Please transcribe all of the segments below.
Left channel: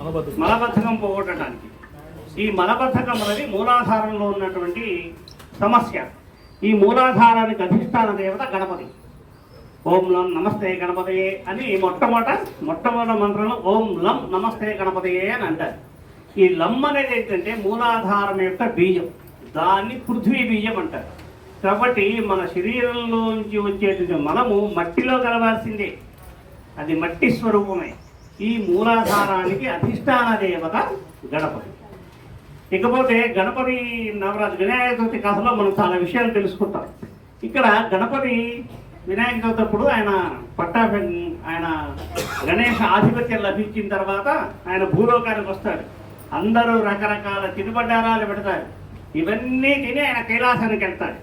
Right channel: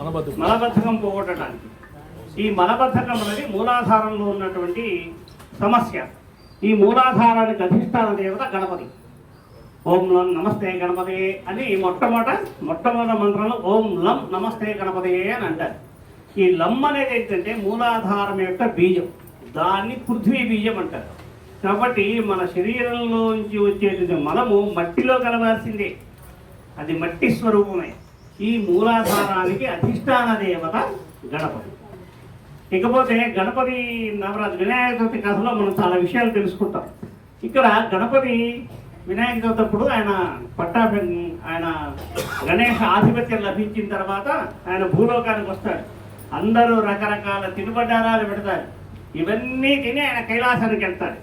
మలబద్ధకం. పోగొట్టడానికి. ఈ మలబద్ధకం అనేది మూలాధారంలో ఉన్నటువంటి సమస్య. ఈ మూలాధారానికి అధిష్టాన దేవత గణపతి. ఓం లం నమస్తే గణపతయే అని మొట్టమొదట మొట్టమొదటి మంత్రంలో ఓం లం నమస్తే గణపతయే అని అంటారు. ఈ లం అనేది ఏంటంటే మూలాధారం యొక్క బీజం. దాన్ని పృథ్వీ బీజం అంటారు. కాబట్టి మన శరీరంలో నుంచి వచ్చేటువంటి మనము మట్టిలో కలవాల్సిందే. అది మట్టి స్వరూపమే. ఈ మూలాధారానికి అధిష్టాన దేవత గణపతి. ఇకపోతే గణపతి నవరాత్రి వినాయక చవితి కథలో మనం చాలా విషయాలు తెలుసుకుంటాం. ఇక్కడ గణపతి వినాయక చవితి అప్పుడు ఆయన పట్టా ఆయన గణేష ఆధిపత్యం లభించిన తర్వాత ఆయన భూలోకానికి వస్తాడు. అందరూ రకరకాల తినుబడ్డారాలు పెడతారు. ఇవన్నీ తిని ఆయన కైలాసానికి వెళ్తాడు.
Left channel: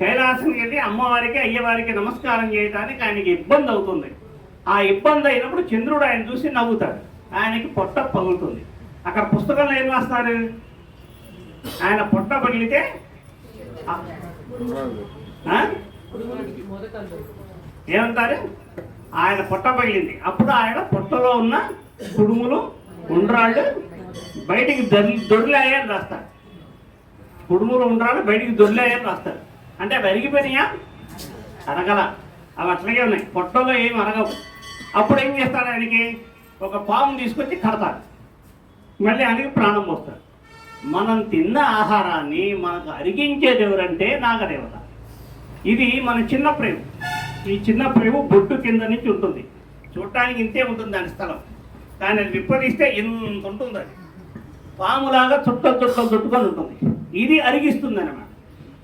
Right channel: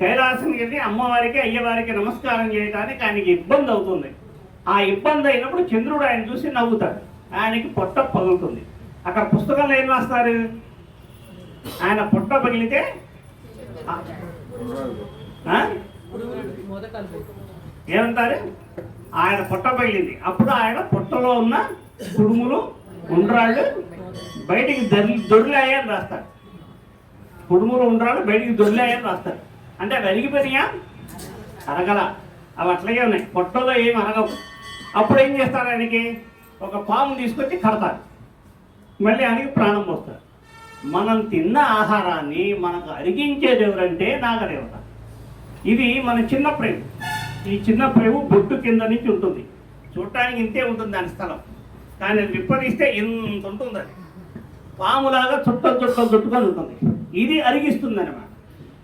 కైలాసానికి వెళ్ళి అమ్మవారికి అయ్యవారికి నమస్కారం చేయడానికి ఆయనకి ఇబ్బంది అవుతుంది. ఆ ఇబ్బంది అయినప్పుడు చంద్రుడు ఆయన చూసి నవ్వుతాడు. ఆయనకి పొట్ట పగులుతుంది. అక్కడ పుస్తకంలో ఏం రాస్తారు? ఆయన పొట్ట పగిలితే ఏమంటారు? ఆయన పొట్ట పగిలింది. అప్పుడు ఆయన పొట్టలో ఉన్న కుడుములు ఉండ్రాళ్ళు బయటికి దొరి దొరిలాయని రాస్తారు. కుడుములు ఉండ్రాళ్ళు బయటికి దొరిలాయని రాస్తారు. అంటే అవి అరిగిపోయినాయా? అరగల. అవి అట్లాగే ఉన్నాయి. పొట్టలో ఏం అరగవు. అప్పుడు ఏం చేస్తారు ఆయనకి? ఒక పాము తీసుకొచ్చి కడతారు. మళ్ళీ ఆయనకి ప్రాణం పోస్తారు. మనం తిన్న ఆహారాన్ని మనకు అరిగించేది ఎవరంటే నాగదేవత. ఇది మన చిన్న ప్రేమ. ఈ చిన్న ప్రేమ బొట్టు కింద నుంచి ఉంటుంది. చూడటానికి ఇంతే ఉంటుంది దాని స్థలం. కానీ అది విప్పదీస్తే ఇంత ఉంటుంది అది. పాములాగా చుట్టలు చుట్టలు చుట్టుకొని ఉంటుంది. ఇది అరిగిస్తుంది అనమాట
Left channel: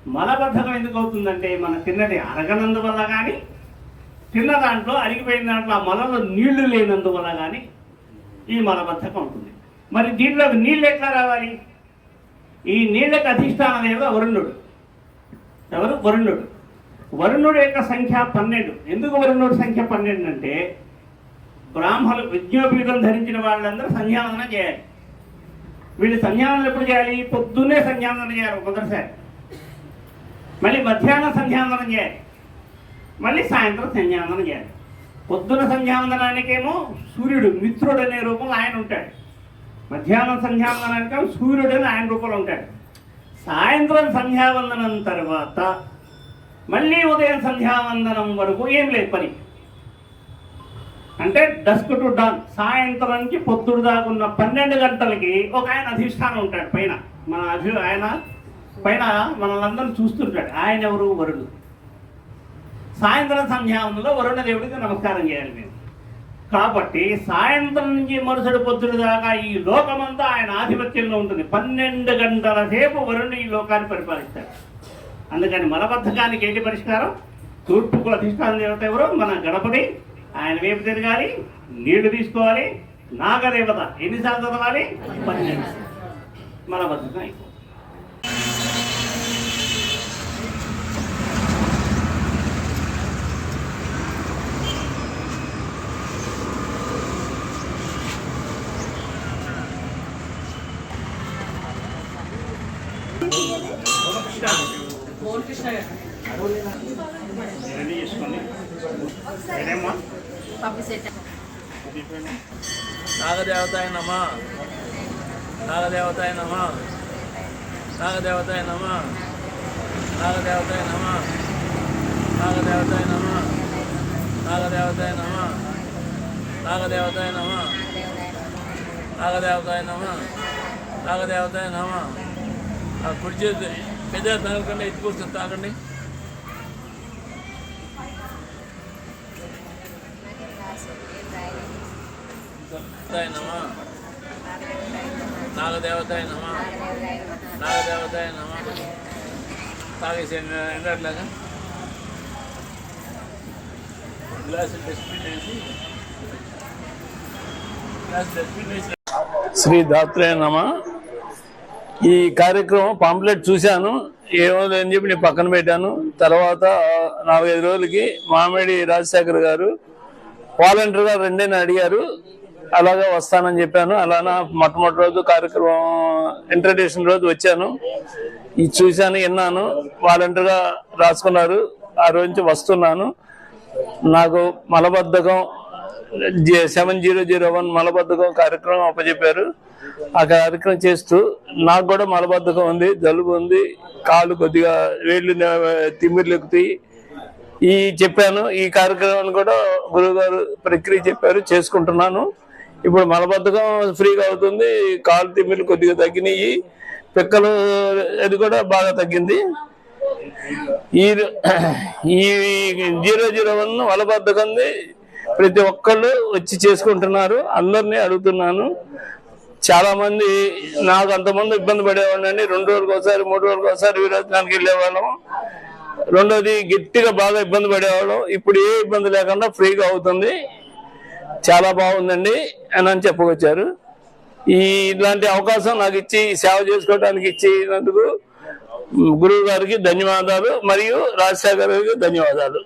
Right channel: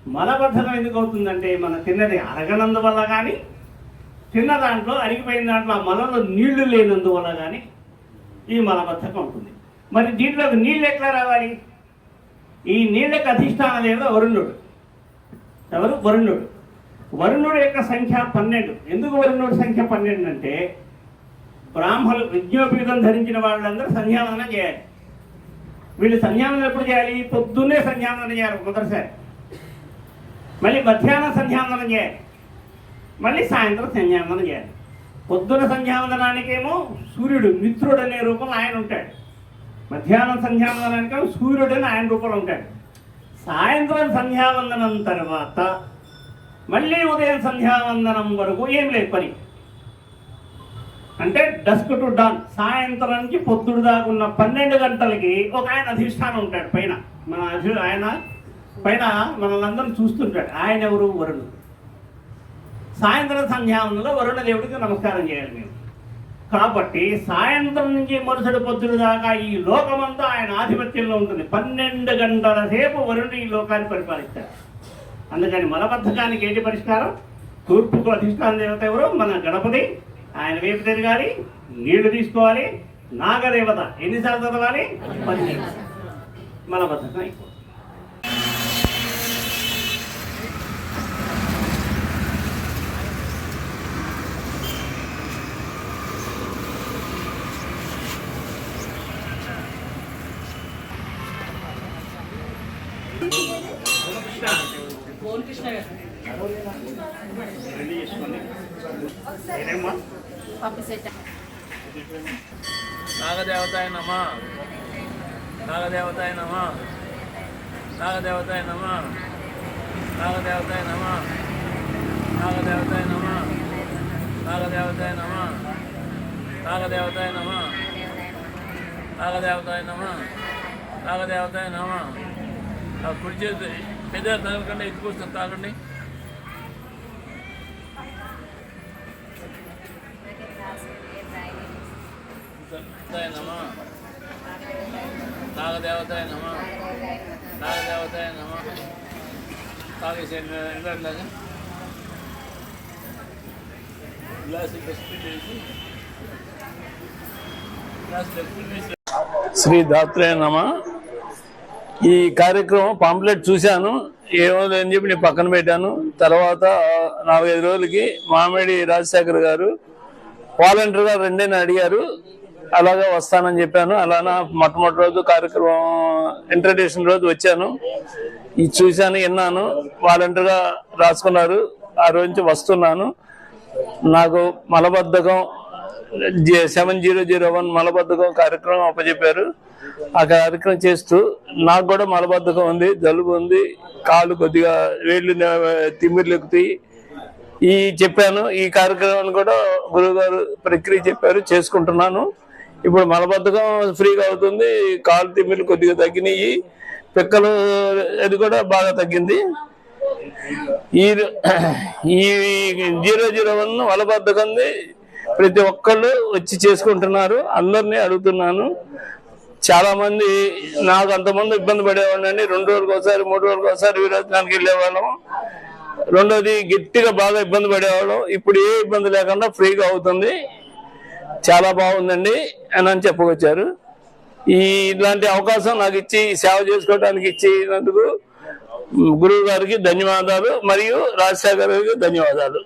మలబద్ధకం ఎందుకు అవుతుందంటే మన తిన్నది అరగనందువల్ల కానీ తిన్న దాంట్లో అరిగిపోయిన దాంట్లో ఆ మలలో నీళ్ళు లేనందువల్ల కానీ ఈ మలబద్ధకం ఉంటుంది మరి దీంట్లోకి నీళ్ళు ఎట్లా రావాలి? ఈ నీళ్ళకి అధిష్టానం ఏదో వరుణుడు. ఎవరు? వరుణుడు. వరుణుడు యొక్క సంఖ్య పన్నెండు. ఎందుకు వరుణుడు సంఖ్య పన్నెండు అంటే బ్రాహ్మణులు విజ్ఞోపీతం ధరించిన వాళ్ళందరూ సంధ్యావందనం చేయాలి. వీళ్ళు సంధ్యావందనం ఎప్పుడు చేయాలి? పొద్దున్నే సంధ్యావందనం చేయాలి మొదటిసారి మళ్ళీ మధ్యాహ్నం సంధ్యావందనం చేయాలి. మళ్ళీ సాయంత్రం సంధ్యావందనం చేయాలి. పొద్దున సంధ్యావందనానికేమో సూర్యుడు మిత్రుడు అనే రూపంలో ఆయన ఉంటాడు. మధ్యాహ్నం సంధ్యావందనానికేమో సూర్యుడు అని ఆయన రూపంలో ఉంటాడు. సాయంత్రం సంధ్యావందనం తర్వాత మళ్ళీ ఉదయం సంధ్యావందనం వరకు ఏం లేదు పని. అంటే డస్క్ టు డాన్. సాయంత్రానికి పొద్దుడు దాకా ఉన్న పన్నెండు గంటలకి ఒక ఆయన అధిష్టానం ఉంటాడు పైన. మన అధి ఆయన పైన మనల్ని చూస్తుంటాడు ఆయన ఎవరు? వరుణుడు సాయంత్రం సంధ్యావందనలో వరుణదేవుడికి నమస్కారం చేయాలి మేము. కాబట్టి సాయంత్రం నుంచి మరుసటి పొద్దున దాకా ఈ లోకమంతా ఆయన ఆధిపత్యంలో ఉంటుంది. పన్నెండు గంటల సేపు వరుణుడు ఈ లోకాన్ని పరిపాలిస్తాడు. అందుకని మలబద్ధకానికి ఏంటి పరిష్కారం? తూర్పుకు అధిష్టాన దేవత ఎవరు? మన గణపతి. ఆయన వైపు తిరగాలి నీళ్ళు తీసుకోవాలి నాగదేవత. ఎన్నిసార్లు చదవాలి? పన్నెండు. మలబద్ధకం అయిపోతుంది. నాగదేవతాయ నమ. నాగదేవతాయ నమ. నాగదేవతాయ నమ. నాగదేవతాయ నమ. నాగదేవతాయ నమ. నాగదేవతాయ నమ. నాగదేవతాయ నమ. నాగదేవతాయ నమ. నాగదేవతాయ నమ. కుడి చేతి పెద్ద తగలకుండా ఎత్తుకొస్తుంది తాగండి నమ. నాగదేవతాయ నమ. నాగదేవతాయ నమ. తాగేసి ఎండట్లాగా గ్లాస్ డస్ట్బిన్ వేసి. గ్లాస్ డస్ట్బిన్ వేసి. శ్రీ దాత్రేయ నమ. ఈ కార్యక్రమం పాంప్లెట్ చూశాను. ఏమో అని చెప్పి నేను పక్కన పెట్టాను. తర్వాత నాలుగైదు రోజులకి మామిడి రాజశేఖర్ గారు వాలంటీర్గా రెండేని అడిగారు. అలాగా వస్తానని చెప్పాను. అలానా మొట్టమొదటి రోజు కార్యక్రమం ఇంట్రడక్షన్ రోజు వచ్చాను. ఇది చూశాను విన్నాను. వాలంటీర్గా రాసుకున్నారు. ఆ రోజు నుంచి వస్తున్నాను. నాకు మలబద్ధకం సెవెన్ జీరో జీరో వన్ మలబద్ధకం కార్యక్రమం అప్పచెప్పారు. ఆ కార్యక్రమం చేస్తూ నాకు కూడా మలబద్ధకం ఉంది జలుబు ఉంది కాళ్ళు కొద్దిగా వేళ్ళు తిమ్మిర్లు ఎక్కుతాయి. ఈ చెప్పాను ఈ కార్యక్రమాన్ని కూడా గురువుగారు ప్రక్రియ చెప్పారు చేసుకుంటున్నాను. ఇప్పుడు మలబద్ధకం ఫ్రీగా అవుతుంది కాలు తిమ్మిర్లు కొద్దిగా తగ్గినాయి పిక్కలు అది కూడా బాగా తగ్గింది. ఈ ఈ జీరో జీరో వన్ మలబద్ధకంది ప్రతి ఒక్కళ్ళు వచ్చి చేసుకుంటున్నారు. అందరినీ అడుగుతున్నాను. చాలా మంది నాకు అంతమంది ఇబ్బంది పడేవాడిని రెండు రోజులకు ఒకసారి మూడు రోజులకు ఒకసారి విరోచనానికి వెళ్ళేవాళ్ళం. రెండోది గట్టిగా బాగా ఇబ్బంది పడేవాళ్ళం. ఇప్పుడు ఏ ఇబ్బంది లేకుండా ఫ్రీగా అవుతుంది. చాలా బాగుందండి అని అని చెప్పుకొచ్చారు. ఈ ఇలాంటి అవకాశం నాకు ఇచ్చి సేవ చేసుకోవడానికి ఇచ్చినందుకు గురువు గారికి ధన్యవాదాలు మరియు రాజశేఖర్ గారికి ధన్యవాదాలు.